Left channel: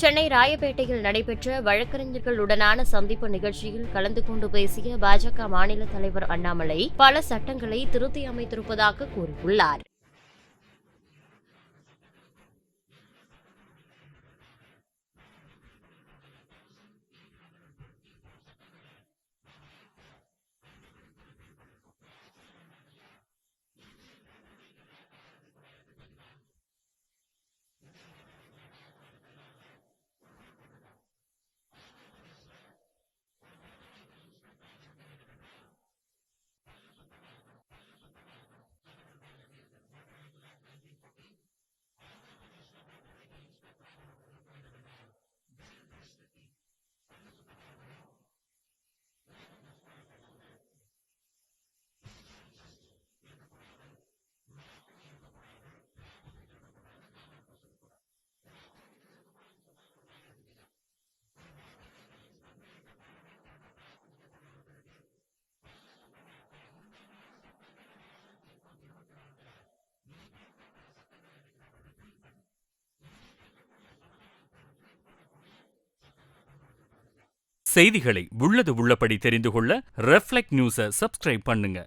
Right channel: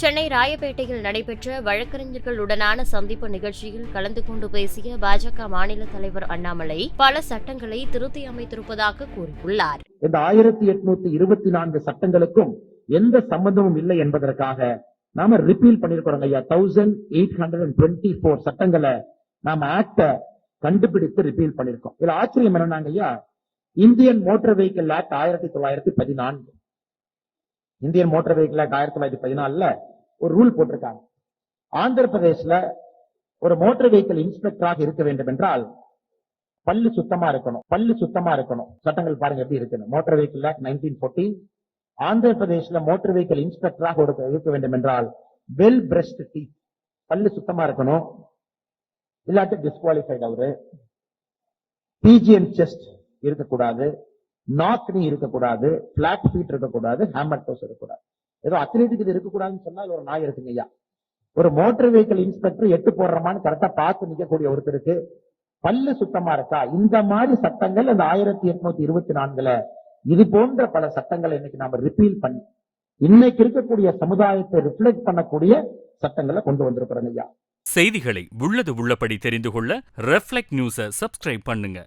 சென்னை ராயப்பேட்டையில் நடைபெற்ற வழக்கறிஞர்களுடனான சந்திப்பு நிகழ்ச்சியில் கலந்து கொண்டு பேசிய பாஜக மாநில தலைவர் அண்ணாமலை பல சட்டங்களை திருத்தி அமைத்திருப்பதாக கூறியுள்ளார். இந்த 1824 சட்டங்களுக்கும் எந்த சம்பந்தமும் இல்லை என்பதற்காக நாம ரிப்பீல் பண்ணிருக்கிறோம் ஐயா. 1824 சட்டங்களை நாம ஆக்ட கண்டுபிடித்து ரிப்பீல் பண்ணிருக்கோம். இதுல ஆச்சரியம் என்னன்னாங்க ஐயா, Indian motor vehicle act 1914, Indian motor vehicle act 1914 ஒரு ரூல் போட்டிருக்காங்க. ஆந்திர பிரதேஷ்ல ஒரு மோட்டார் வெஹிக்கிள் இன்ஸ்பெக்டராக இருக்க வேண்டும் என்றால் பல்லு சுத்தமா இருக்கணும். சட்டங்கள் பாருங்க எப்படி இருக்கு. மோட்டார் வெஹிக்கிள் ஆக்ட் 1914, ஆந்திர பிரதேஷ்ல மோட்டார் வெஹிக்கிள் இன்ஸ்பெக்டராக இருக்க வேண்டும் என்றால் வெல் பிரஷ்ட் டீத், பல்லு சுத்தமா இருக்கணும், இல்லாட்டி டிஸ்குவாலிஃபைட். அவரு பிஜிஎன் செஸ்ட் இருக்கக்கூடாது, நாக் நீ இருக்கக்கூடாது, பிளாட் ஃபீட் இருக்கக்கூடாது, ஹேமர் டோஸ் இருக்கக்கூடாது. ஏதோ அத்லெட்டிக் இது இருக்கக்கூடாதுன்னு சொன்னால் ஒரு நாய் இருக்குங்க ஐயா. ஒரு மோட்டார் வெஹிக்கிள் இன்ஸ்பெக்டர் 8 போடுறமான்னு கரெக்டா பார்த்து நிக்கக்கூடிய ஒருத்தருக்கு பல்லு சுத்தமா இருக்கா? இந்த மாதிரி சட்டங்கள் அந்த 1824 இது போன்ற பல சட்டங்களை இன்னைக்கு நாம ரிப்பீல் பண்ணி இன்னைக்கு இருக்கக்கூடிய சமுதாயத்தை ரிஃப்ளெக்ட் பண்ணக்கூடிய சட்டங்களை கொண்டு வந்திருக்கிறோம் ஐயா. செய்திகளை உள்ளது உள்ளபடி தெரிந்து கொள்ள ரெஃப்ளெக்ட் நியூஸை சப்ஸ்கிரைப் பண்ணுங்க.